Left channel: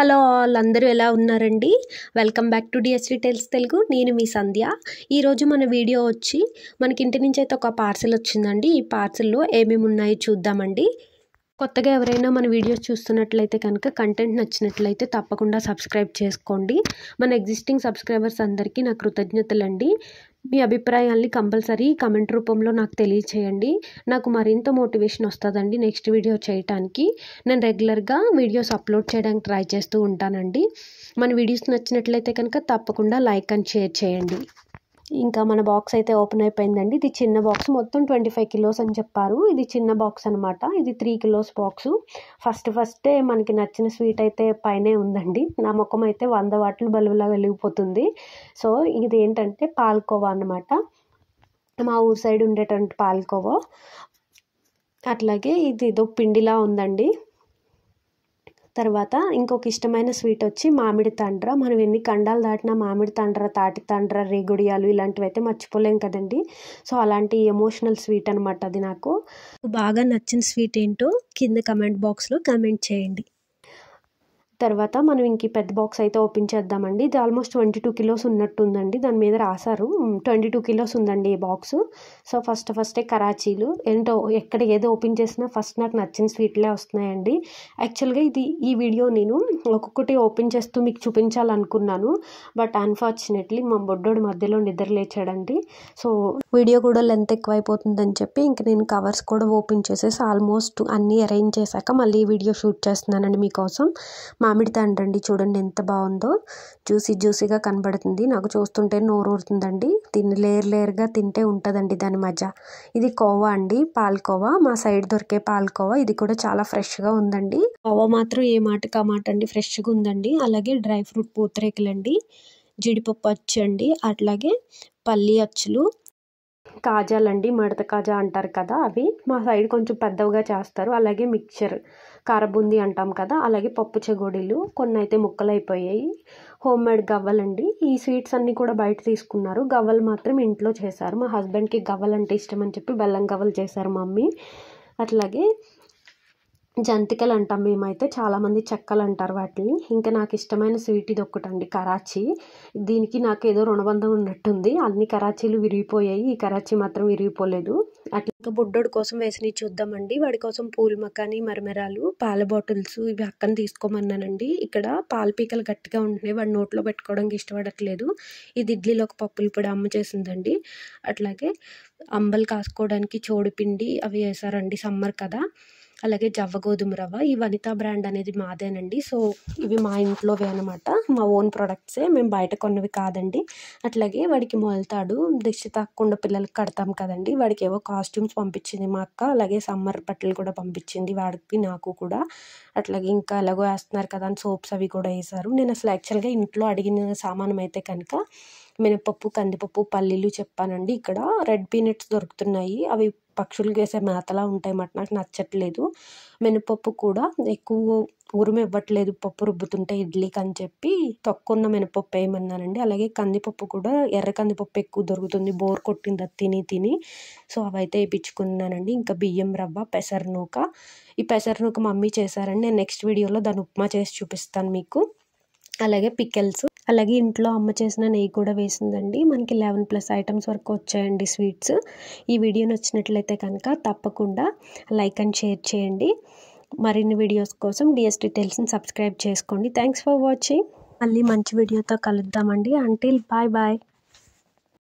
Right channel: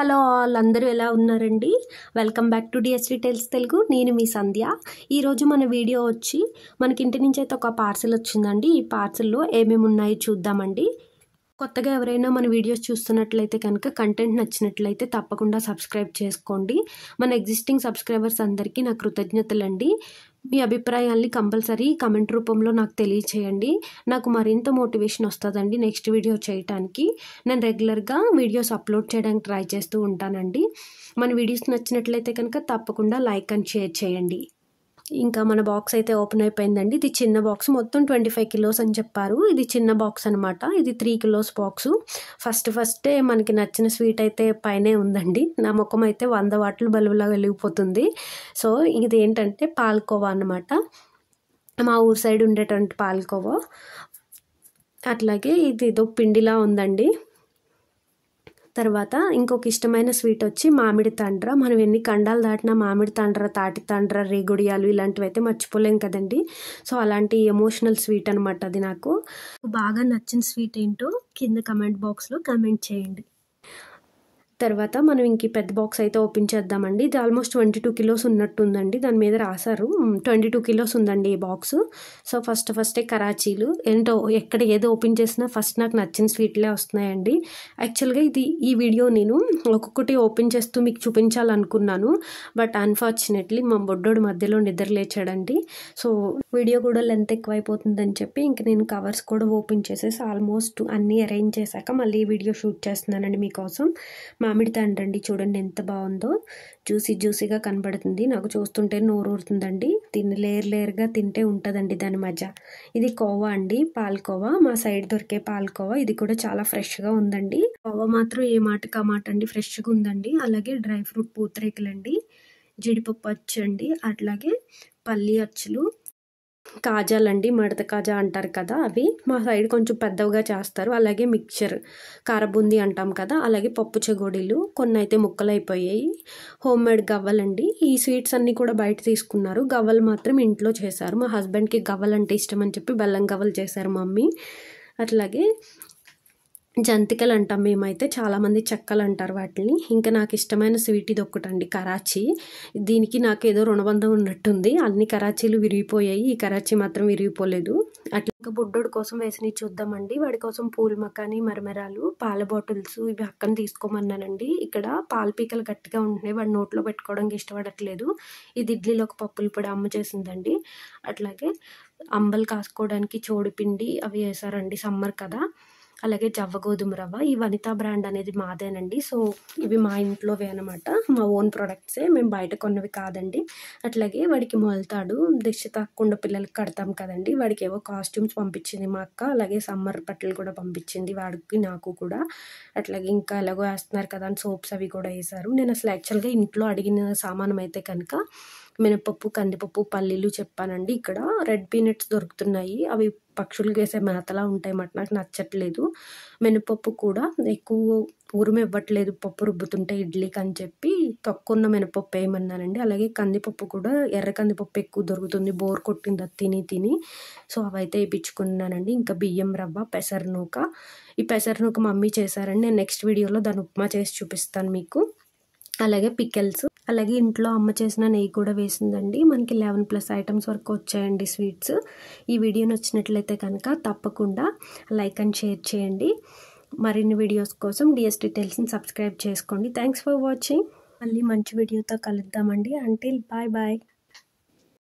Hello all, అందరూ ఎలా ఉన్నారండి? Welcome back to DSD tells Telugu. నేను మీ సంధ్య. ఈరోజు మన వీడియో వచ్చి మనకి ఇంటి నుంచి అయితే ఒక పార్సిల్ వచ్చిందండి. ఈ పార్సిల్లో ఏమేమి ఉన్నాయో చూద్దామండి. కొత్తగా ఎవరైనా మన వీడియోస్ చూస్తున్నట్లయితే కనుక కంటెంట్ నచ్చినట్లయితే తప్పకుండా సబ్స్క్రైబ్ చేసుకోండి. మన ఎగ్జిస్టింగ్ సబ్స్క్రైబర్స్ అందరికీ నా కృతజ్ఞతలండి. మీ అభిప్రాయాల్ని కంపల్సరీ కమెంట్ రూపంలో నాకు తెలియచేయండి. నాకు మరింత మోటివేషన్ వస్తుందండి నెక్స్ట్ వీడియో చేయడానికి. నేను రెగ్యులర్గా వీడియోస్ అప్లోడ్ చేయడానికి ట్రై చేస్తూ ఉంటానండి. మన వీడియోస్ నచ్చినట్లయితే కనుక తప్పకుండా లైక్ అండ్ షేర్ చేయండి. ఇంకా మన బాక్స్ అయితే ఓపెన్ అయిపోయిందండి. ఇది చిన్న బాక్స్, మొత్తం 25 కిలోస్ అని చెప్పారు. ఇది చిన్న బాక్స్ అనమాట. ఇది 3 కిలోస్ బాక్సు. ఫస్టే మనకి నచ్చిన స్వీట్ అయితే పైనే ఉందండి. నా ముఖం అయితే 100 వాట్లు బల్బులా వెలిగిపోతుంది. సో ఇది ఏంటంటే పాల్కోవా అనమాట. మా ఊరు సైడ్ ఉండేటువంటి పాల్కోవా. అట్లాగే ఇది ఏదో పిండిలా ఉందండి. తర్వాత ఇంకొక ఇష్టమైన స్వీట్ వచ్చి మామిడి తాండ్ర. మనం ఎన్ని ఖండాలు దాటినా మామిడి తాండ్ర, తాటి తాండ్ర, రేగుడియాలు ఇలాంటివి అయితే మర్చిపోలేం కదండి. సో అలాంటి ఎమోషనల్ స్వీట్ అనమాట అది. నాకు బాగా నచ్చిన స్వీట్ ఏంటో కింద కమెంట్ బాక్స్లో కమెంట్ చేయండి. తర్వాత మనం ఇంక పెద్ద బాక్స్ అయితే ఓపెన్ చేద్దామండి. ఇది ఆల్మోస్ట్ 22 కిలోస్ ఉన్నట్టుందండి. దాని మీద రాశారు 22 కిలోస్ ఉందండి ఈ బాక్స్. సో ఫస్టే కరాచీలు ఏంటో, ఎక్కడ ఏదో ఓపెన్ చేసినా ఫస్ట్ నాకు నచ్చిన స్వీట్లే వస్తున్నాయండి. యాక్చువల్గా ఈ వీడియో నేను ఒక్కొక్కటి ఓపెన్ చేస్తూ మీకు చూపించాలనుకున్నాను. బట్ అన్ఫార్చునేట్లీ మా బొడ్డోడు మధ్యలో నిద్ర లేచాడండి. సో వీడియో కూడా లెంత్ ఎక్కువైపోతుందని చెప్పి ఇంక నేను కవర్స్ కూడా ఓపెన్ చేసేసి ఆల్మోస్ట్ అన్నీ అరేంజ్ చేశాక మళ్ళీ వీడియో షూట్ చేస్తున్నానండి మీకోసం. మామిడి తాండ్రండి, చూడండి ఎంత బాగుందో. జ్యూసీగా కనబడుతుంది. నాకు చూస్తుంటే నోరు ఊరుతుందండి. దీన్ని లేయర్గా తింటే ఉంటుందండి దాని మజా. ఇది కోవా అండి, పాల్కోవా. మా సైడ్ దొరికే పాల్కోవా. ఇది కూడా చాలా ఫ్రెష్గా ఉందండి. కోవా మాత్రం ఏ మాటకి ఆ మాట అండి, ఫ్రెష్గా ఉందండి. అలాగే డ్రై ఫ్రూట్ పూతరేకులండి, జీడిపప్పు అచ్చు అండి, అట్లాగే పల్లి అచ్చులు, కాజాలండి, మడత కాజా అంటారు కదా అవి. మా సైడ్ కొంచెం పెద్దవిగా చేస్తారు. అలాగే మిక్చర్, కారబూందీ అంటాం కదా, అలాగే పప్పు చెగోడీలు, కొన్ని అయితే ముక్కలైపోయాయి. Home made గవ్వలండి. ఈ స్వీట్స్ అన్నీ కూడా బయట తీసుకున్నారు. గవ్వలు మాత్రం ఇంట్లో చేశారు. మా హస్బెండ్కి గవ్వలు అంటే ఇష్టం అని చెప్పి బెల్లం గవ్వలు చేశారు మమ్మీ. అట్లాగే జంతికలు అంటాం మేమైతే, చాలామంది చెక్కలు అంటారు వాటిని. ఇంకా నాకు ఇష్టమైన స్వీట్ ఇది ఒక్కటండి, కరాచీ. దీనికి నాకు ఏదో రుణబంధం ఉన్నట్టుంది. అన్ని కరాచీలు విరిగిపోయాయి, ఈ కరాచీ మాత్రం విరిగిపోలేదు. అట్లా ఇంకా బుడ్డోడి కోసం వేసినవి చూద్దామండి. వాడి కోసం పూల్ మకాని, మరమరాలు, పాల బాటిల్స్ ఇవి అక్కని తీసుకోమన్నానండి. ఇక్కడ పాల పీకలు గట్టిగా ఉంటున్నాయి, వాడి నోట్లో పెట్టుకోవడానికి ఇష్టపడట్లేదు. ఇది ఇడ్లీలోకి పప్పుల పొడి అమ్మ చేసిందండి. అట్లాగే అంబలు కాసుకోవడానికి చోడిపిండి అవి వేసారండి, సమ్మర్ కదా. అలాగే జవ్వ గోధుమ రవ్వ. ఈ వనితా బ్రాండ్ అనేది మాదేనండి. సో ఇవి మా ఇంట్లోవే అనమాట, మా ఓన్ ప్రొడక్ట్సే, మేము బయట కొన్నవి కాదండి. అట్లాగే వాడికి మొలతాడు, దిష్టి తాకకుండా పిల్లలకి కడతాం కదండి. వాడికి ఏవో కాస్ట్యూమ్స్ పంపించింది మా అక్క. అలాగే సమ్మర్ బట్టలు కూడా పంపించింది వాడికి, నాకు కూడా. అట్లాగే ఇంకా ఎలాగో వేస్తున్నారు కదా అని సోప్స్ అవి కూడా వేశారు. నేను అసలు యాక్చువల్గా ఇంట్లో అడిగిన సామానం అయితే కనుక మినపప్పు, కందిపప్పు, పల్లీలు చెప్పానండి. ఇక్కడ రెడ్ పీనట్స్ దొరుకుతున్నాయి. అవి పక్షులు వేసే మేతలా ఉంటాయి మాట, నాకు నచ్చట్లేదు. మినపప్పు కూడా ఎక్కువ ఉరుము ఇవ్వట్లేదు పప్పు రుబ్బుతుంటే ఇడ్లీకి అని చెప్పి తక్కువ మినపప్పు వేయమన్నానండి. అలాగే కందిపప్పు కూడా ఎర్ర కందిపప్పు ఎక్కువ దొరుకుతుంది, బోర్ కొట్టింది అది తిని. సో అవైతే వేయించుకున్నానండి. ఇంకా బియ్యం రవ్వ, పెసరనూక. ఈ పెసరనూక మమ్మీ చేశారండి. నేను నెక్స్ట్ వీడియోలో దాన్ని ఉప్మా చేసి చూపిస్తాను మీకు. అలాగే పికెల్స్, అలాగే ఇంట్లో అమ్మ చేసిన నెయ్యి కూడా వేసిందండి. మనకి 11+ ఐటమ్స్ వరకు వచ్చాయండి స్వీట్స్. ఈ వీడియో నచ్చినట్లయితే కనుక తప్పకుండా లైక్ అండ్ షేర్ చేయండి. మరిన్ని వీడియోస్ కోసం డిఎస్డి టెల్స్ని సబ్స్క్రైబ్ చేసుకోండి. Thanks for watching. మళ్ళీ మంచి వీడియోతో కలుద్దామండి. Until bye.